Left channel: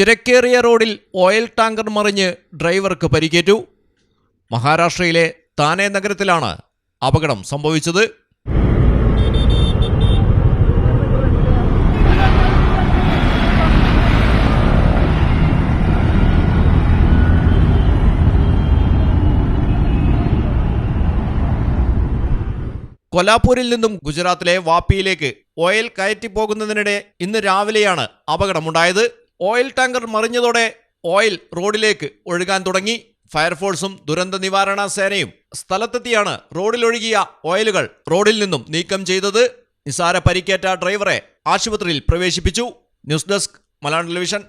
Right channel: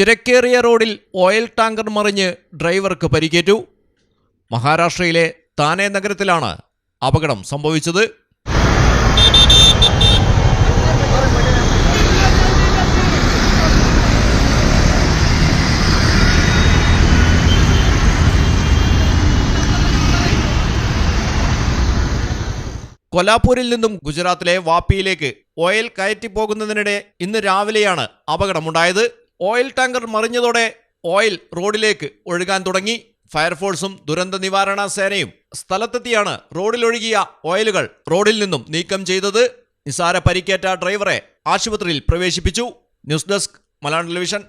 തിരക്കേറിയ റോഡിൽ oil tanker മറിഞ്ഞ് ഡ്രൈവർക്ക് പരിക്കേറ്റു. മഹാരാഷ്ട്രയിലെ താനെ നഗരത്തിലാണ് അപകടം സംഭവിച്ചത്. കൊലാപൂരിൽ നിന്നും ഗുജറാത്തിലെ വാപ്പിയിലേക്ക് ഓയിൽ കയറ്റിപ്പോകുന്നതിനിടെ ഇന്ന് രാവിലെയാണ് അപകടമുണ്ടായത്. ഓയിൽ ടാങ്കർ മറിഞ്ഞതോടെ ഓയിൽ റോഡിലേക്ക് ഒഴുകാൻ തുടങ്ങി. ഫയർഫോഴ്സും ദുരന്ത നിവാരണ സേനയും സ്ഥലത്തെത്തിയാണ് റോഡിലൊഴുകിയ ഓയിലുകൾ റോഡിൽ നിന്നും നീക്കം ചെയ്തത്. നിസാര പരിക്കേറ്റ ഡ്രൈവറെ ആശുപത്രിയിൽ പ്രവേശിപ്പിച്ചു. News desk Malayalam television.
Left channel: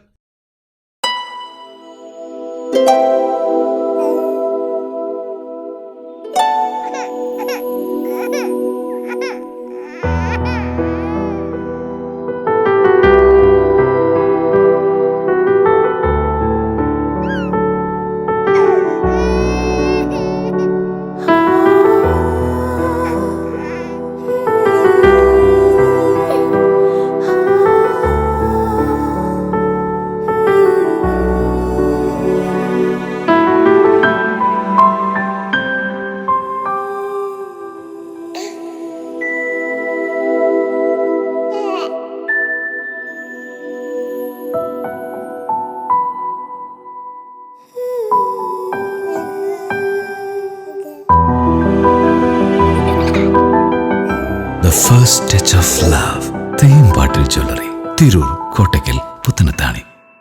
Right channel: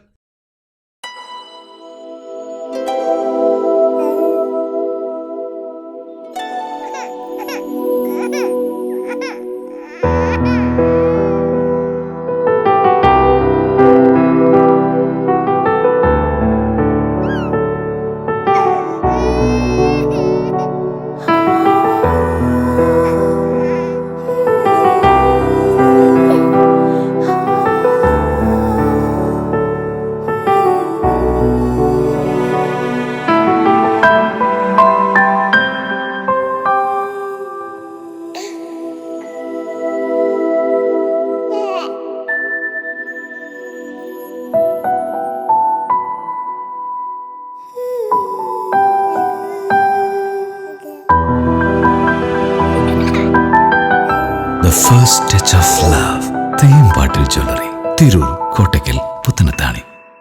The first touch of love. Theyyam പാട്ടിൽ ജ്വല്ലറി, തിരൂർ, കോട്ടയ്ക്കൽ,